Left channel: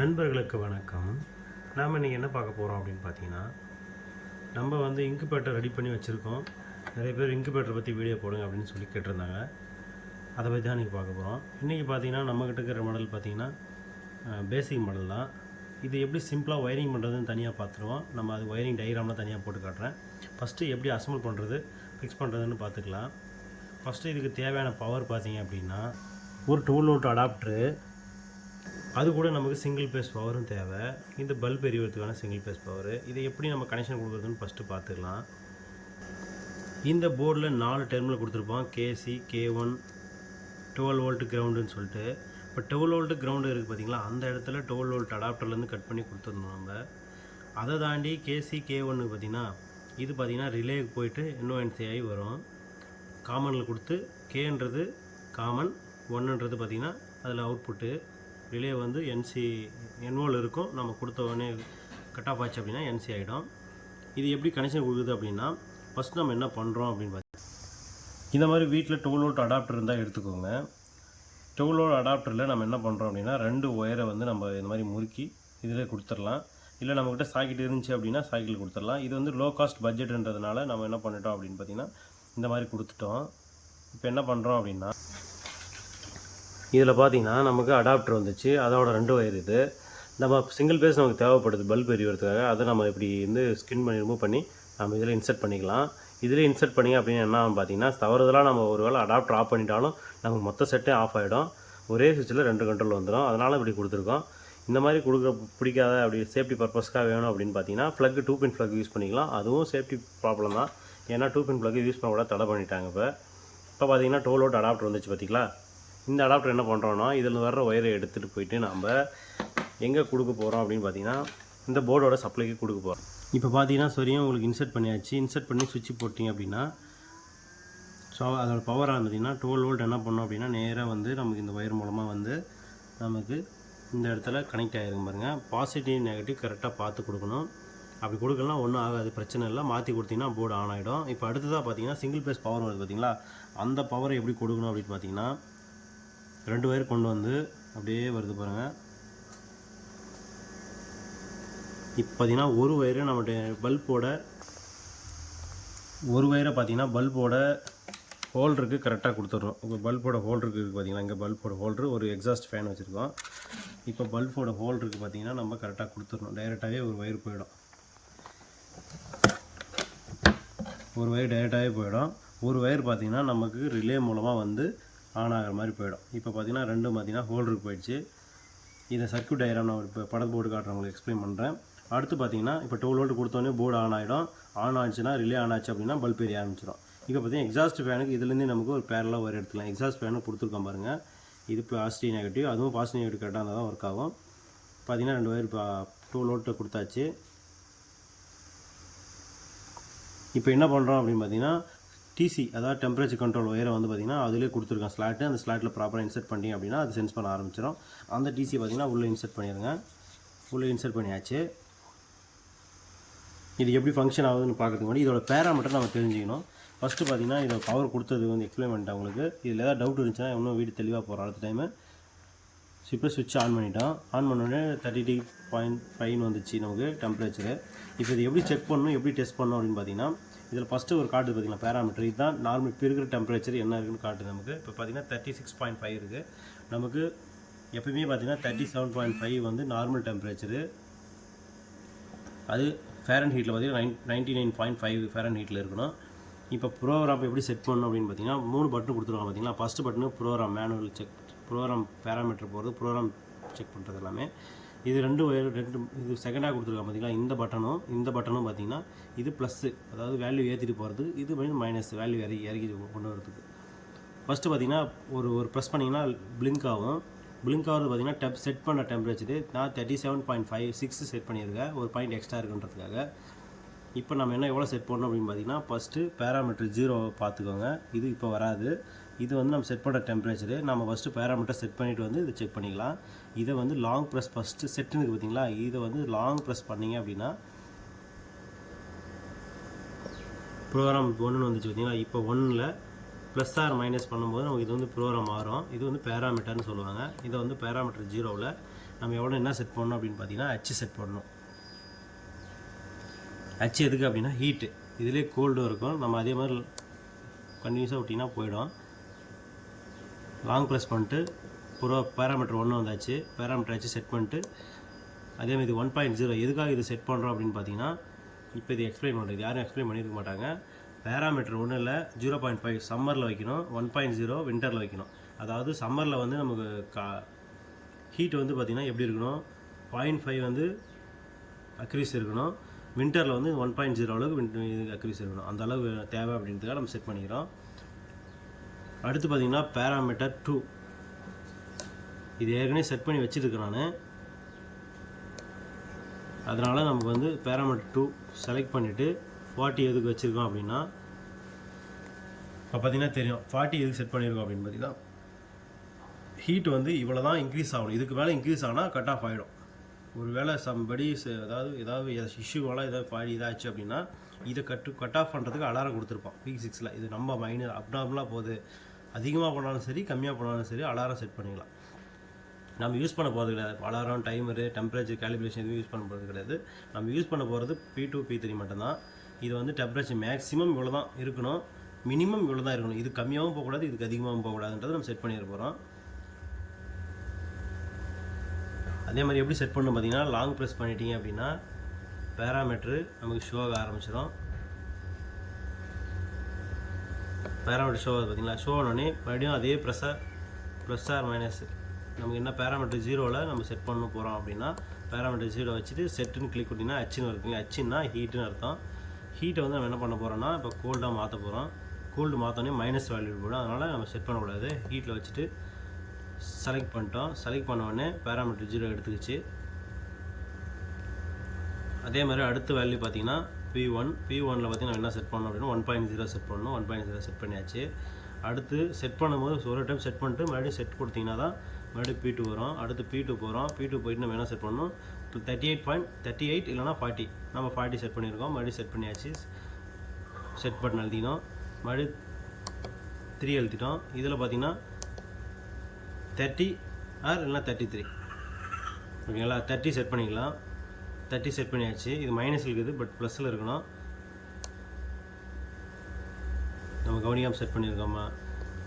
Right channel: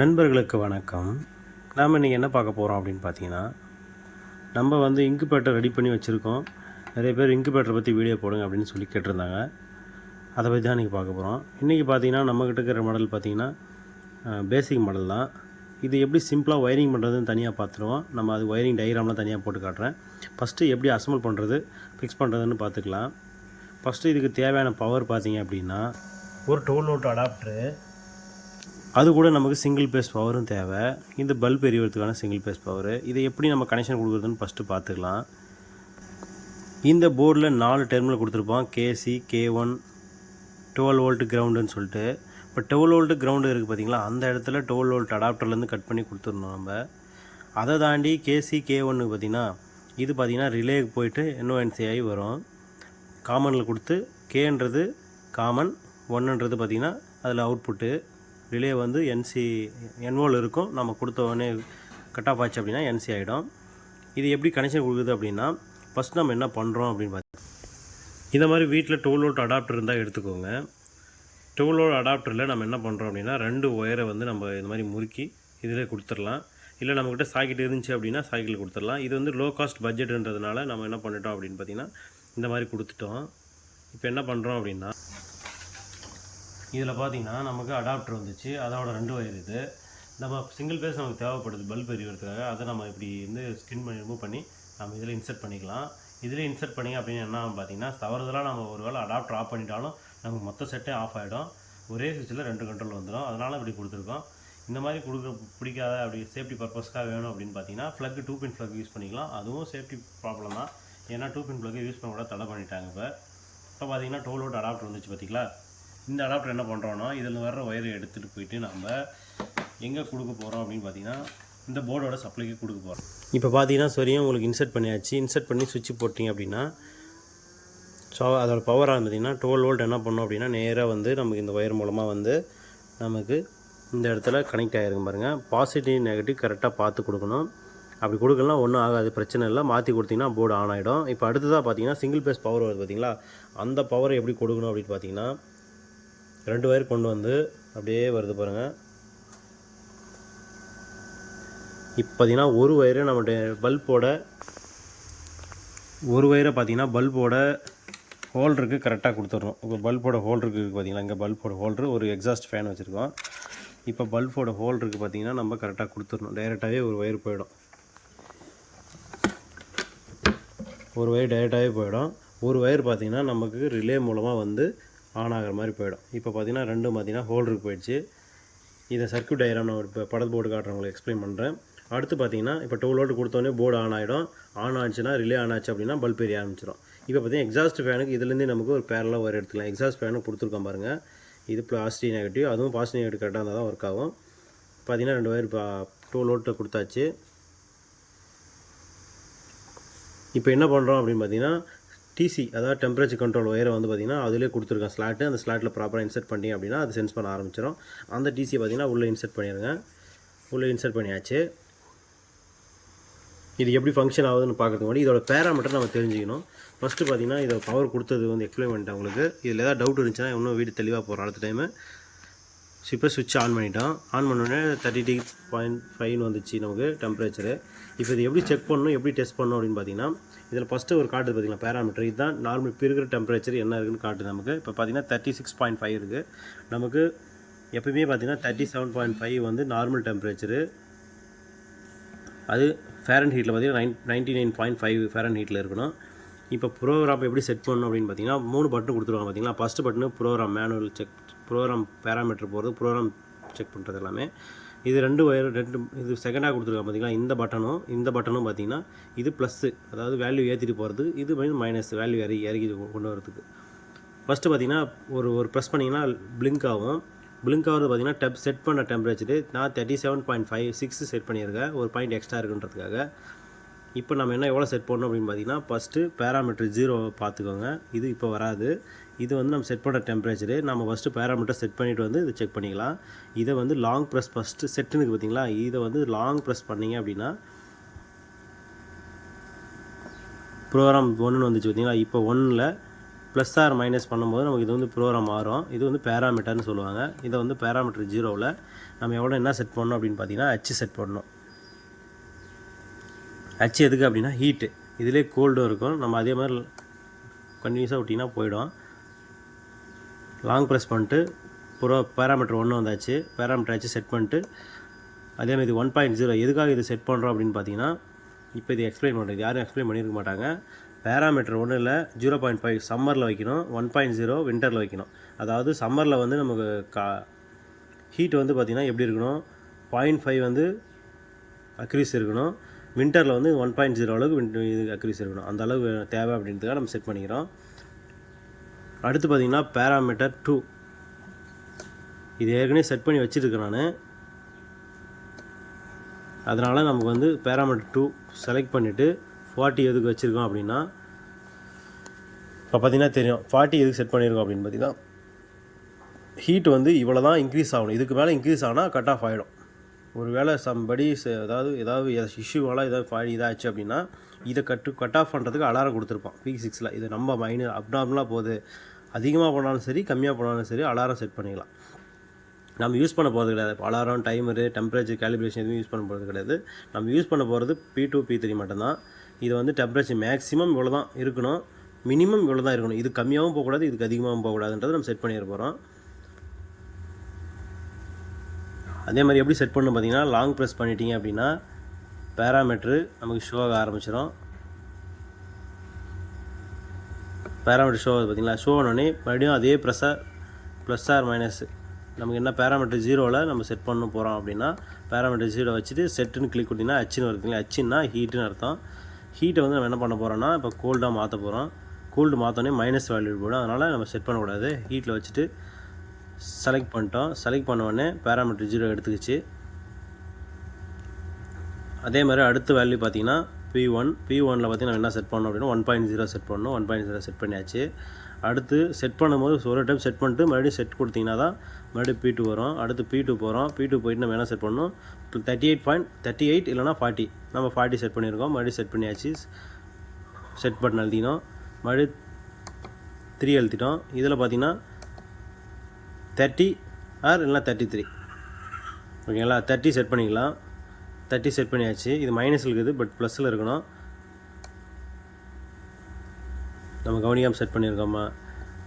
நண்பர்களுக்கு வணக்கம். நாம் இன்றைக்கி என்ன பார்க்க போகிறோம் அப்படின்னு பார்த்தீங்கன்னா நம்ம வந்து இன்குபேட்டர் ரெடி பண்ணி வச்சுருக்கோம். நிறைய பேர் இன்குபேட்டரை பற்றி வீடியோ போடுங்க அப்படின்னு சொல்லி கேட்டிருந்தாங்க. அதை பற்றி தான் இன்றைக்கி பார்க்க போகிறோம் இன்றைக்கி பார்த்தீங்கன்னா நம்மக்கிட்ட இருக்கிற மாடல் பார்த்தீங்கன்னா பேசிக் மாடல் தான். இது எப்படி சிம்பிளாக ஒயரிங் பண்ணுறதுன்னு தனியாக பார்த்துருவோம். நம்ம அது ஒயரிங் டயக்ராம்லாம் தனியாக போட்டு காட்டுறேன். ஃபஸ்ட்டு எப்படி அசம்பிள் பண்ணுறது ஃபிக்ஸ் பண்ணுறதுன்னு பார்த்துக்கலாம். ஃபஸ்ட்டு இதுக்கு தேவையான பவர் பார்த்தீங்க அப்படின்னா ஒரு டோல் வோல்ட் அடாப்டரு அது கூட நமக்கு சிங்கிள் பேஸ் பவரும் தேவை. இந்த பல்ப் எரியறதுக்கான சிங்கிள் பேஸ் பவர் இதை எப்படி நம்ம கனெக்ஷன் கொடுக்குறதுன்னு ஃபஸ்ட்டு பார்த்துக்கலாம். இந்த போர்டில் நாலு டெர்மினல் கொடுத்துருப்போம். கேசி கே ஒன் டுவெல் வோல்ட் கிரவுண்டுன்னு சொல்லிட்டு. இப்போ டுவெல் வோல்ட்டு கிரவுண்டு இருக்குது பார்த்தீங்களா அந்த இடத்துல டுவெல் வோல்ட் அடாப்டர்லேருந்து கட் பண்ணி கொடுத்துருந்தோம் நம்ம. அதை தாண்டி கேசி கே ஒன்று பார்த்தீங்கன்னா இது பார்த்தீங்கன்னா ரிலேக்கு போயிட்டு என்ஓஎன்சி ஆகி வரும். காமனில் கொடுத்து கேன்றது காமன் ஒன்றுன்றது பார்த்திங்கன்னா அதில் அவுட்புட்டு ரிலே வந்து என்சி என்வோல் இருக்கும். நம்ம கொடுத்த உடனே கட் ஆஃப் ஆச்சு அப்படின்னா என்சி ஆகிடும் இது எப்படி கனெக்ஷன் கொடுக்குது அப்படின்னா ஃபஸ்ட் நம்ம என்ன பண்ணுறோம் அப்படின்னு பார்த்தீங்கன்னா இந்த மாதிரி வீட்டில் டோல் வோல்ட் அடாப்டர் இருந்தால் எடுத்துக்கோங்க. டூ வோல்ட் அடாப்டரில் நம்ம என்ன பண்ணுறோம் அப்படின்னா ரெண்டு ஒயரை வந்து நம்ம இந்த மாதிரி முறுக்கி இதில் கொடுத்துடலாம். இல்லை நம்மக்கிட்ட சாக்கெட் இருந்துச்சு அப்படின்னா சாக்கெட்டில் கொடுத்துடலாம். இது வந்து லோ காஸ்ட் பட்ஜெட்ன்றதுனால நம்ம என்ன பண்ணிட்டோம் அப்படின்னு பார்த்தீங்கன்னா இந்த மாதிரி கொடுத்துட்டோம். இப்போ என்ன பண்ணுறோம் அப்படின்னா இதில் பார்த்தீங்கன்னா நமக்கு அடாப்டர் வந்துச்சு. அதோட ரெண்டு ஒயர் இது. நம்ம சிங்கிள் பேஸ் நமக்கு தேவைப்படுது பல்ப் எரிவதுக்காக அதை நம்ம இப்படி வந்து ஸ்கின் பண்ணி ரிமூவ் பண்ணி நம்ம இதில் இன்சர்ட் பண்ணிக்கலாம். இதில் இன்சர்ட் பண்ணி அப்படின்னு என்ன பார்த்தீங்கன்னா தவறுதலாக நம்ம ஒரு வேளை அடாப்டர் ஆஃப் பண்ணிட்டாலும் நமக்கு மொத்த செட்டே ஆஃப் ஆகிடும் ஒரே சுவிட்சில் ரெண்டு கண்ட்ரோல் வந்துடும் அதனால் இப்படி கொடுத்துருக்கோம். இந்த மாதிரி கொடுக்குற பிடிக்காத அப்படி சேஃப்டி பர்பஸ்க்காக வேணும் அப்படின்னு பார்த்தீங்கன்னா plug two pin plug use பண்ணிக்கலாம். அதுவும் சேஃப்டி ப்ராப்ளம் தான். ஏன்னா டூ பின் ப்ளக் யூஸ் பண்ண கூட தடை பண்ணிட்டாங்க இப்போ. இப்போ பார்த்தீங்கன்னா டோல் அவுட் அடாப்டர் வந்துச்சு பார்த்தீங்களா? இந்த அடாப்டர் என்ன பண்ணுறோன்னா இதில் வர்ற ஒயரை எடுத்துகிட்டு போயிட்டு நம்ம எங்கே கொடுக்க போகிறோம் அப்படின்னு பார்த்தீங்கன்னா இந்த போர்டோட சப்ளைக்கு கொடுக்க போகிறோம் இப்போ பார்த்தீங்கன்னா சரியாக உங்களுக்கு இன்சர்ட் பண்ணியாச்சு. இன்சர்ட் பண்ணி சுவிட்ச் போட்டிங்க அப்படின்னா ஸோ அதோட பவராக பார்த்தீங்கன்னா டுவெல் வோல்ட் என்ன பண்ணோம் அப்படின்னா நேராக வந்து நமக்கு இந்த ஒயர் மூலமாக வந்து நமக்கு இந்த இடத்துல கனெக்ட் ஆகிருக்கும் பாருங்கள் பாசிட்டிவ் நெகட்டிவ் கரெக்டாக பார்த்து கொடுக்கணும். அப்படி கொடுக்கலாம் ஒன்றும் ஆகாது பிரச்சனை இல்லை. மாற்றி கொடுத்தீங்கன்னா போர்டு ஆன் ஆகிடும் இப்போ அடுத்ததாக பார்த்தீங்கன்னா சிங்கிள் பேஸ் பவர் வருது பார்த்தீங்களா அந்த பவரை எப்படி கொடுக்கணும் அப்படின்னு பார்த்தீங்கன்னா ரெண்டு ஒயர் கொண்டு வந்து அப்படியே வருது பாருங்கள் இப்போ பார்த்தீங்கன்னா ஒரு ஒயரு நம்மளுடைய பல்போட ஒரு ஒயரை பார்த்தீங்கன்னா பல்போட ஹோல்டருக்கு கரெக்டாக கொடுத்துட்றோம். இப்போ பல்போட ஹோல்டருக்கு பார்த்தீங்களா இங்கே பல்போட ஹோல்டரு ஒரு எக்ஸாஸ்ட் ஃபேன் வச்சுருக்கோம். இப்போ பல்போட ஹோல்டருக்கு பார்த்தீங்கன்னா நம்ம கரெக்டாக கொடுத்துடணும். டைரெக்டாகவே ஒரு ஒயர் போயிடும். ஒரு ஒயர் டைரெக்டாகவே போயிடும். ஒரு ஒயர் பார்த்தீங்கன்னா நமக்கு ரிலே மூலமாக வந்து ஆன் ஆகிற மாதிரி போயிடும். இப்போ பார்த்தீங்கன்னா ரெண்டும் பார்த்தீங்கன்னா ஹோல்டருக்கு போயிடுச்சு. இதை சர்க்கியூட் டயக்ராம் நான் இப்போ படத்து போர்டு காட்டுறவங்களுக்கு எக்ஸ்பிளைன் பண்ணுறேன் அடுத்து பார்த்தீங்கன்னா இப்போ டுவெல் வோல்ட் கொடுத்தோன்னே போர்டு ஆன் ஆகிடும் ஆன் ஆச்சுன்னா ரிலே ஆன் ஆச்சு அப்படின்னா பல்ப் எரிய ஆரம்பிச்சிடும் இப்போ பார்த்தீங்கன்னா எக்ஸாஸ்ட் ஃபேனுக்கு இதுலேருந்தே நமக்கு ஒரு பேரலாக ஒயர் எடுத்துக்கலாம். எக்ஸாஸ்ட் ஃபேனுக்கு கொடுத்துருக்கோம் பாருங்கள் இது பாசிட்டிவ் நெகட்டிவ் அதுவும் பாசிட்டிவ் நெகட்டிவ் கரெக்டாக இருந்தால் தான் ஒர்க் ஆகும். பார்த்தீங்கன்னா ரெண்டு வயர் இப்போ டுவெல் வோல்ட்டு கொடுத்தாச்சு. இப்போ என்ன பண்ணுறோம் அப்படின்னு பார்த்தீங்கன்னா டிசி அதாவது டெம்பரேச்சர் கண்ட்ரோல் ஒயரை வந்து பார்த்திங்கன்னா அதிலே கொடுத்துருக்கேன் ஸ்லாட்டு அந்த ஸ்லாட்டில் ப்ராப்பராக இன்சர்ட் பண்ணி அப்படின்னா அது சென்ஸ் பண்ண ஆரம்பிச்சிடும் அந்த டிசி பார்த்திங்கன்னா உள்ளே இன்சர்ட் பண்ணிடுங்க உள்ளே இன்சர்ட் பண்ணியாச்சு. இது எப்படி ஃபங்க்ஷன் ஆகுதுன்னு பார்க்கறதுக்கு முன்னாடி இதோட பேராமீட்டர் நம்ம தெரிஞ்சுக்கணும். ஃபஸ்ட்டு பார்த்தீங்கன்னா இதை பவர் கொடுத்தது வந்து எக்ஸ்பிளைன் பண்ணிட்டேன் உங்களுக்கு இதில் ஏதாவது டவுட் இருந்துச்சுன்னா இன்னும் வீடு தெளிவாக போகிறோம் அடுத்த டைமு ஸோ இப்போ சுவிட்ச் ஆன் பண்ணிட்டோம். ஆன் பண்ணோடனே தேர்ட்டி டிகிரி பாயிண்ட் ஃபைவ்னு வந்துச்சு நமக்கு டெம்பரேச்சரு இப்போ இது எப்படி செக் பண்ணணும் எப்படி டெஸ்ட் பண்ணணும் அப்படின்னு பார்த்தீங்கன்னா இதில் ஃபஸ்ட்டு ஒரு காட்டுது பார்த்திங்கன்னா பேராமீட்டர் இதுதான் நார்மல் இப்போ இருக்கிற டெம்பரேச்சர் என்ன இருக்குன்னு காட்டுது நமக்கு. இப்போ பார்த்தீங்கன்னா தேர்ட்டி சிக்ஸ் பாயிண்ட் ஃபைவ் இருக்குது நமக்கு எப்பயுமே பார்த்தீங்கன்னா தேர்ட்டி செவன் பாயிண்ட் ஃபைவ் வந்து நார்மல் டெம்பரேச்சரு அது ஃபேரன் ஹீட்டில் பார்த்தீங்கன்னா nine ninety nine point five ஃபேரன் ஹீட்டில் இருக்கணும். இப்போ ப்ரோக்ராம் எப்படி செட் பண்ணணும் அப்படின்னு பார்த்தீங்கன்னா மூணு பட்டன் கொடுத்துருவாங்க பார்த்தீங்கன்னா first button program manual check program parameter போகிறது ப்ரோக்ராம் செக் பண்ணுறது எல்லாமே. இது ரெண்டு ஒயர் ரெண்டு இது செகண்டாக கொடுத்துருக்காங்க பார்த்தீங்களா இந்த பட்டனும் இந்த பட்டனும் பார்த்தீங்கன்னா இது ப்ளஸ்ஸு அதாவது வேல்யூ ஏற்றிட்டு போகிறது இது வந்து மைனஸ் வேல்யூ இறக்கி இறக்கி கொண்டு வரதுக்கு ஃபஸ்ட்டு பார்த்தீங்கன்னா ஒரு ஒரு ப்ரெஸ் பண்ணிங்கன்னா பிளிங்க் ஆகும். பிளிங்க் ஆகிறது பார்த்தீங்கன்னா டெப் செட் பண்ண டெம்பரேச்சரு நான் thirty seven point five six set பண்ணியிருக்கேன். ஒரு பாயிண்ட் எக்ஸ்ட்ரா இருக்குன்றதுக்காக. இப்போ நம்ம என்ன எவ்வளோ செட் பண்ணணும் அப்படின்னு பார்த்தீங்கன்னா ஃபஸ்ட்டு பேராமீட்டர் ஜீரோ பார்த்துக்கோங்க இது இப்போ வராது. இது வந்து நம்ம செட் பண்ண டெம்பரேச்சரு நம்ம ஃபஸ்ட்டு பேராமீட்டர் செட் பண்ணிவிட்டு வந்து இது செக் பண்ணிக்கலாம். இதை வந்து லாங் ப்ரெஸ் ஃபஸ்ட்டு செட்டுனுக்கு பார்த்தீங்களா இதை வந்து லாங் ப்ரெஸ் பண்ணீங்க அப்படின்னா ப்ரோக்ராம் ஒன்றுன்னு வந்துச்சு பார்த்தீங்களா இப்போ ஒன்றில் ப்ளஸ் ஆர் மைனஸ் பண்ணும்போது நமக்கு இது வந்து ப்ரோக்ராம் மாறும். இது வந்து பேராமீட்டர்னு சொல்லுவாங்க. இதை வந்து பேராமீட்டர் ஜீரோவில் நம்ம எவ்வளோ என்ன செட் பண்ணணும் அப்படின்னு பார்த்தீங்கன்னா ஹச்சு செட் பண்ணணும். அச்சு எதுக்கு அப்படின்னா ஹீட்டு இதிலே கோல்டும் இருக்கும். நம்ம அதே மாதிரி கண்டினியூஸாக விட்டிங்கன்னா போயிடும். லாங் ப்ரெஸ் பண்ணிட்டு ப்ரோ பேராமீட்டர் ஒன்று வந்தாச்சு. பேராமீட்டர் ஆச்சு செட் பண்ணிட்டு அதே மாதிரி ஒன் பாயிண்ட் ஜீரோ எதுக்காக இது செட் பண்ணுறோம் அப்படின்னு பார்த்தீங்கன்னா இப்போ இது எக்ஸ்பிளைன் பண்ணுறது யாரும் எக்ஸ்பிளைன் பண்ணியிருக்க மாட்டாங்க. பேராமீட்டர் ஒன்றும் இல்லை ஜீரோ பாயிண்ட் ஃபைவ் சம்மரில் வைக்கணும் ஒன் பாயிண்ட் ஜீரோ வின்டரில் வைக்கணும். அதாவது சம்மரில் வந்து நமக்கு கா ஹீட் வந்து பார்த்திங்கன்னா எப்படி இருக்கணும்? பாயிண்ட் ஃபைவ் வந்து அக்ரீஸ் இருக்கணும். வின்டரில் வந்து ஒன் பாயிண்ட் ஜீரோ அளவுக்கு வின் இது அக்ரீஸ் இருக்கணும். அந்த அளவு தேவை அப்படின்றதுக்காக நம்ம செட் பண்ணிக்கிறோம். அடுத்து பார்த்திங்கன்னா பேராமீட்டர் டூ இது ஏற்கனவே செட் பண்ணி வச்சுருக்கேன் நான். அதனால் நமக்கு வந்து பேராமீட்டர் டூ செலக்ட் பண்ணிவிட்டு ஃபார்ட்டி எதுக்கு வச்சுருக்கோம் அப்படின்னா இப்போ பார்த்தீங்கன்னா தெரியும். ஃபார்ட்டி எதுக்கு செட் பண்ணியிருக்கோம் அப்படின்னு பார்த்தீங்கன்னா ஹீட் வந்து இவ்வளோ தான் இன்க்ரீஸ் ஆகணும். இதுக்கு மேலே இன்க்ரீஸ் ஆனால் கட் ஆஃப் ஆகிடும் ஒரு வேளை சம்படி அதாவது ஏதாவது இஷ்யூவாலாம் ஏதாவது ஃபாடி இதாச்சு அப்படின்னா இதை கட்டு கட் ஆஃப் பண்ணுறதுக்கு அலாரம் கொடுத்துருப்பான். வீக் சிக்ஸில் இது நம்ம மைனு அப்டார்மலாக போகுது. அதிகமாக போனாலும் சரி கம்மியாக போனாலும் சரி அலாரம் செட் பண்ணிக்கலாம். நம்ம யூஸ் பண்ண போகிறது கிடையாது. அலாரம் டைமரு டெம்பரேச்சர் கேலிப்ரேஷன் எதுவும் யூஸ் பண்ண போகிறது கிடையாது. நம்ம யூஸ் பண்ண போகிறது பி டூ பி த்ரீ மட்டும்தான். இது வந்து டெம்பரேச்சர் மேக்ஸிமம் இவ்வளோ தான் இருக்கணும். மினிமம் இவ்வளோ தான் இருக்கணும். இது கம்மியாகவும் போகக்கூடாது இதுக்கு அதிகமாகவும் போகக்கூடாதுன்றது நம்ம செட் பண்ணிட போகிறோம் அதே மாதிரி எப்படி செட் பண்ணணும் பார்த்தீங்கன்னா லாங் ப்ரெஸ் பண்ணிட்டீங்க அப்படின்னா பேராமீட்ரு நமக்கு ஷோ ஆக ஆரம்பிச்சிடும் பேராமீட்டர் ஷோ ஆகுது பார்த்தீங்களா ஷோ ஆனோடனே மறுபடியும் அதே ப்ரெஸ்ஸை ப்ளஸ் ஆர் மைனஸ் நமக்கு என்ன பேராமீட்டர் ஜீரோவில் நம்ம செட் பண்ண போகிறோம் அப்படின்னா பேராமீட்டர் ஜீரோ வச்சுட்டு செட்டுன்னு கிளிக் கொடுத்தீங்கன்னா அச்சுன்னு வருதுங்களா அச்சுன்னா ஹீட்டுன்னு அர்த்தம். ஹீட்டை வந்து நம்ம என்ன பண்ண போகிறோம்னா இப்போ கோல்டாக மாற்ற போகிறோம் கோல்டு மாற்றோன்னே மைனஸ் வேல்யூ போடும். அதனால் நம்ம செட் பண்ணக்கூடாது. ஹீட்டில் வச்சுட்டு செலக்ட் பண்ணிட்டோம். செலக்ட் பண்ண உடனே பேராமீட்டர் ஜீரோ எடுத்துக்கிச்சு. அதே மாதிரி அடுத்த வேல்யூ பார்த்தீங்கன்னா பி ஒன் பி ஒனில் பார்த்தீங்கன்னா என்ன செட் பண்ணோம் அப்படின்னா ஒன் பாயிண்ட் ஜீரோ செட் பண்ணணும். ஒன் பாயிண்ட் ஜீரோ செட் பண்ணியாச்சு. அடுத்து செட் பண்ணும்போது ஒரு டைம் செட் பண்ணிட்டு மறுபடியும் செட் கொடுத்தீங்கன்னா தான் மறுபடியும் பி டூ வரும். அடுத்து பி டூ போகிறோம் பி டூ போயிட்டு நம்ம என்ன செட் பண்ணணும்? Thirty eight point thirty eight இல்லைனா ஃபார்ட்டி நம்ம ஃபார்ட்டி செட் பண்ணியிருக்கோம். மறுபடியும் செட் பண்ணியாச்சு. செட் பட்டன் எழுதினோம் மறுபடியும் த்ரீ எழுதிட்டோம் இதில் பார்த்தீங்கன்னா தேர்ட்டி ஆர் இல்லைனா தேர்ட்டி த்ரீ ஓகேங்களா? தேர்ட்டி செட் பண்ணிக்கலாம். தேர்ட்டி செட் பண்ணியாச்சு. இது மைனஸில் இருக்குது பட் ப்ளஸில் இருக்கணும். நம்ம கவனிக்காமல் செட் பண்ணியிருக்கோம்மா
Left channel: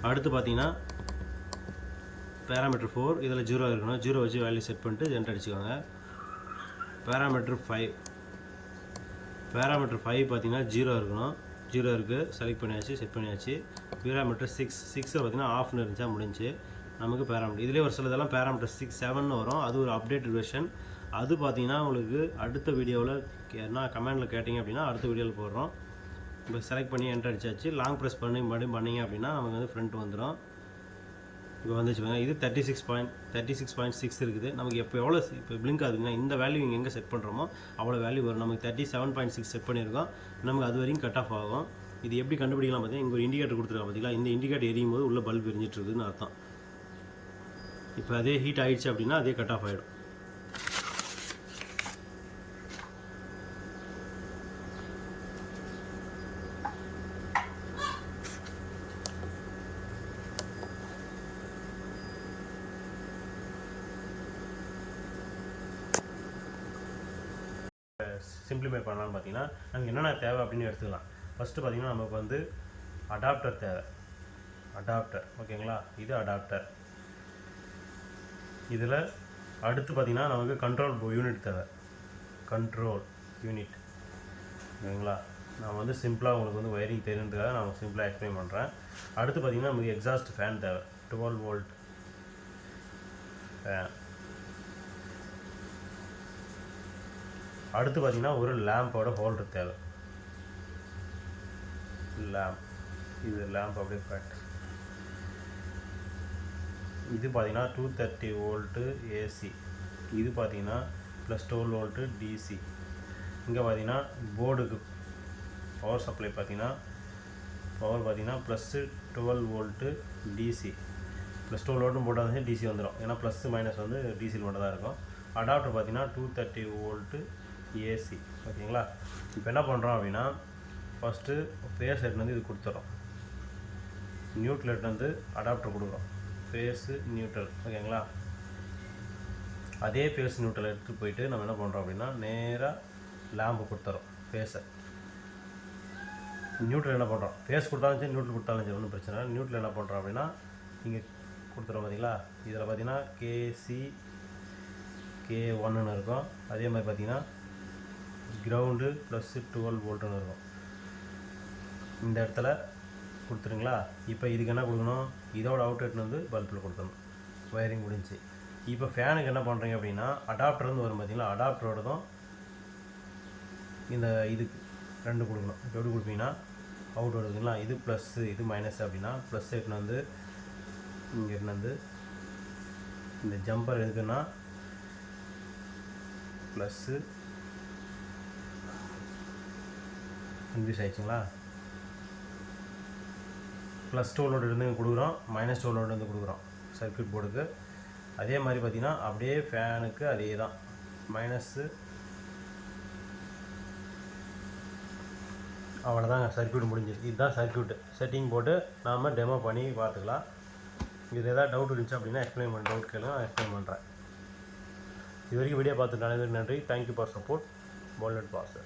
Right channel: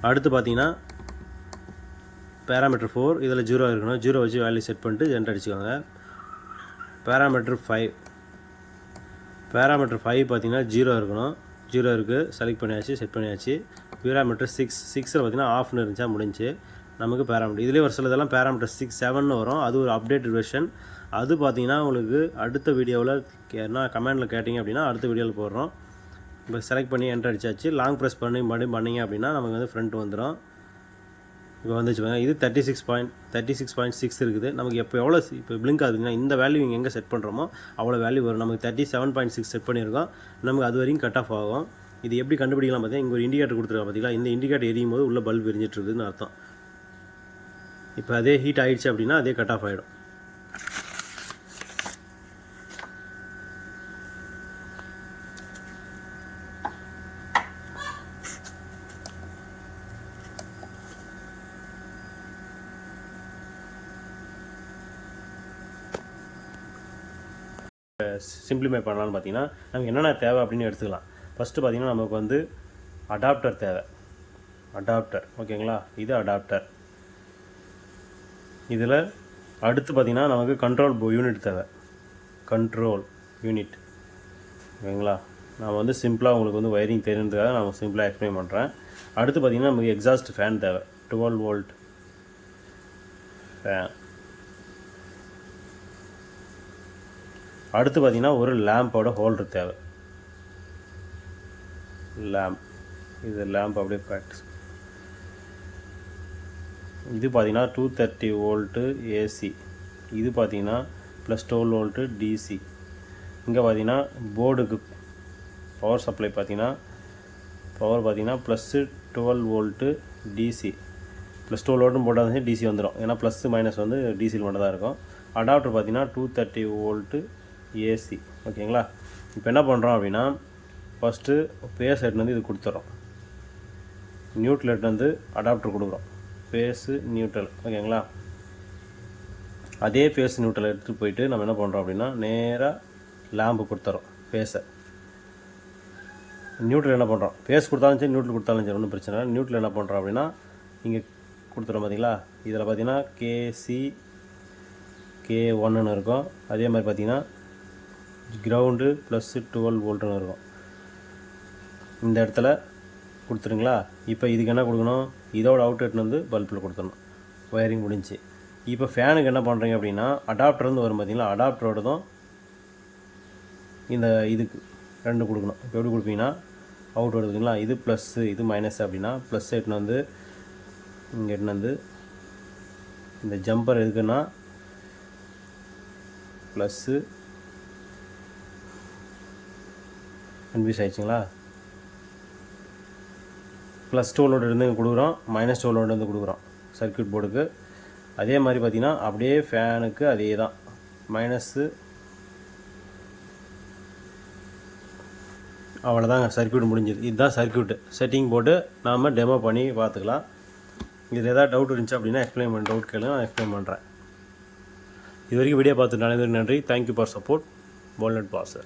அடுத்து பார்த்தீங்கன்னா பேராமீட்டர் ஃபோர் இதில் ஜீரோ இருக்கணும். ஜீரோ வச்சு வேல்யூ செட் பண்ணிட்டு ஜென்ட் அடிச்சுக்கோங்க. பேராமீட்டர் ஃபைவ் பேராமீட்டர் ஃபைவ் பார்த்தீங்கன்னா ஜீரோ இருக்கணும். ஜீரோ இருக்குது செலக்ட் பண்ணியாச்சு செட் பண்ணியாச்சு. பேராமீட்டர் சிக்ஸ் சிக்ஸில் பார்த்தீங்கன்னா ஆஃப்னு இருந்துச்சா முடிஞ்சு. நமக்கு பேராமீட்டர் இதுலேயே ஒரு சிலதெல்லாம் பேராமீட்டர் சிக்ஸ் செவன் வரும். அது ஒரு அப்டேட்டட் வெர்ஷன் அது பார்த்தீங்கன்னா உங்களுக்கு அடுத்த வீடியோவில் என்ன கமெண்டில் கேட்டிங்க அப்படின்னா அடுத்த வீடியோவில் போடுறோம். இப்போ செலக்ட் பண்ணி என்ட்ரு அடிச்சாச்சு. லாங் ப்ரெஸ் பண்ணி மறுபடியும் பண்ணிங்க அப்படின்னா நமக்கு வந்து ஃப்ரண்ட் வந்துடும் இப்போ வந்துச்சு பாருங்கள் இது thirty six point thirty six point six இருக்குது. நமக்கு எப்போ எவ்வளோ இப்போ பிளிங்க் ஆகுதுங்கன்னா இந்த வேல்யூ இங்கே எங்கே செட் பண்ணுறோமோ அவ்வளோ வேல்யூ வரும். நமக்கு thirty seven point six set பண்ணியிருக்கோம். நமக்கு அது வரையும் கட் ஆஃப் ஆகும். இது எப்படி கண்டுபிடிக்கலாம் பார்த்தீங்கன்னா இங்கே ஒரு இண்டிகேட்டர் கொடுத்துருக்காங்க பார்த்தீங்களா? இந்த இண்டிகேட்டர் எரியும் போது உள்ள பல்ப் எரிஞ்சிட்டு இருக்குதுன்னு அர்த்தம். இப்போ அதே ஹீட் ஆகிடுச்சு அப்படின்னா அதே கட் ஆஃப் ஆகிடும் சிம்பிளிஃபை பண்ணலாம்னு பார்த்தீங்கன்னா நமக்கு என்னென்ன தேவை அப்படின்னு எடுத்துக்கலாம். ஃபஸ்ட்டு பார்த்தீங்கன்னா நமக்கு வந்து அடாப்டர் தேவை. அடாப்டர் ஓகேங்களா? இது அடாப்டர் இதில் அடுத்து பார்த்தீங்கன்னா நமக்கு கண்ட்ரோல் யூனிட் தேவை. கண்ட்ரோல் யூனிட் ஓகேங்களா? நான் வந்து சிம்பிளாக உங்களுக்கு வந்து வயரிங் தெரிஞ்சதுக்காக நான் சிம்பிளாக எக்ஸ்பிளைன் பண்ணுறேன் அடுத்து பார்த்தீங்கன்னா நமக்கு எக்ஸாஸ்ட் ஃபேன் தேவை. டுவெல் வோல்ட் ஃபேன் அடுத்து பார்த்தீங்கன்னா ஒரு லேம்போட ஹோல்டர் தேவை. லேம்ப் இது லேம்ப் அப்படியே ப்ராக்டிஸ் இது பார்த்தீங்கன்னா டூ தேர்ட்டி வோல்ட்டு ஏசி இது பார்த்தீங்கன்னா ப்ளஸ் டுவெல் வோல்ட்டு டிசி இங்கே பார்த்தீங்கன்னா போர்டுக்கு பவர் சப்ளை பார்த்தீங்கன்னா பவர் பார்த்தீங்கன்னா plus twelve volt DC plus twelve வோல்ட்டும் போட்டால் டிசி வந்துடும் ஏன்னா ப்ளஸ்ஸு மைனஸ் வந்து டிசியில் மட்டும் தான் இருக்கும். அடாப்டர் பார்த்தீங்கன்னா டூ தேர்ட்டி வோல்ட்டு ஏசி ஓகேங்களா? இப்போ என்ன பண்ணுறோம் அப்படின்னா ஃபஸ்ட்டு பேஸ் ஹெட்லேருந்து இது கொடுத்துறோம். நியூட்ரல்லேருந்து அடாப்டர் கொடுக்குறோம். பேஸு நியூட்ரல் ஓகேங்களா? அதே ஃபேஸ் நியூட்ரல் எடுத்துகிட்டு போயிட்டு நம்ம என்ன பண்ணுறோம் அப்படின்னா நேராக லேம்பு கொடுத்துறோம் ஃபேஸை நியூட்ரல் என்ன பண்ணுறோம் ஃபேஸ் கொடுத்தாலும் சரி நியூட்ரல் கொடுத்தாலும் சரி ஒன்றும் பிரச்சனை இல்லை. நியூட்ரல் என்ன பண்ணுறோம் அப்படின்னா இங்கே கொடுத்துட்றோம் பார்த்தீங்களா இதில் பார்த்தீங்கன்னா கேசி கே ஒன்றுன்னு இருக்கும். அதே மாதிரி பார்த்தீங்கன்னா கிரவுண்டு ப்ளஸ்ஸு டுவெல் வோல்ட்னு இருக்கும். இந்த இடத்துல கொடுத்துருங்களா? இப்போ இதுக்கு என்ன கொடுக்கணும்? இதோட அவுட்லெட்னு வந்து பல்பில் கொடுத்துடணும் ஒயரிங் முடிஞ்சு. இப்போ ஃபேனுக்கு என்ன பண்ணுறீங்க அப்படின்னா அடாப்டர் வந்து வரும் பார்த்தீங்களா அடாப்டரோடதும் இந்த இதுக்கு ரெண்டு கொடுக்கணும். இப்போ எப்படி கொடுப்பீங்கன்னா அவுட் வருதுங்களா இது ப்ளஸ்ஸு இது மைனஸ் அப்படின்னா ப்ளஸ் எட்டுன்னு வந்து இங்கே எட்டுன்னு வந்து இந்த ஜம்பர் எதுக்குன்னா ப்ளஸ்ஸு கன்ஃபியூஸ் ஆயிடுச்சுங்களா? ப்ளஸ் டூலோட இருந்து கொடுக்குறோம். மைனஸ் டூலோட இருந்து கொடுக்குறோம். சர்க்யூட் போர்டுக்கு அதே மாதிரி பார்த்திங்கன்னா அப்படியே ஃபேனுக்கு அதே தான். மைனஸ்ஸு அவ்வளோதாங்க சர்க்யூட் முடிஞ்சது இதுதான் சர்க்யூட்டு செட்டிங் போட்டு நாம் டெமோ பண்ணி பார்த்துக்கலாம். இதில் ஏதாவது டவுட் இருந்துச்சு அப்படின்னா எக்ஸ்பிளைன் பண்ண டவுட் கேளுங்க. நான் எக்ஸ்பிளைன் பண்ணுறேன் இது வரைக்கும் வீடியோ பார்த்துட்டு நன்றி. Thank you for support walnut pastor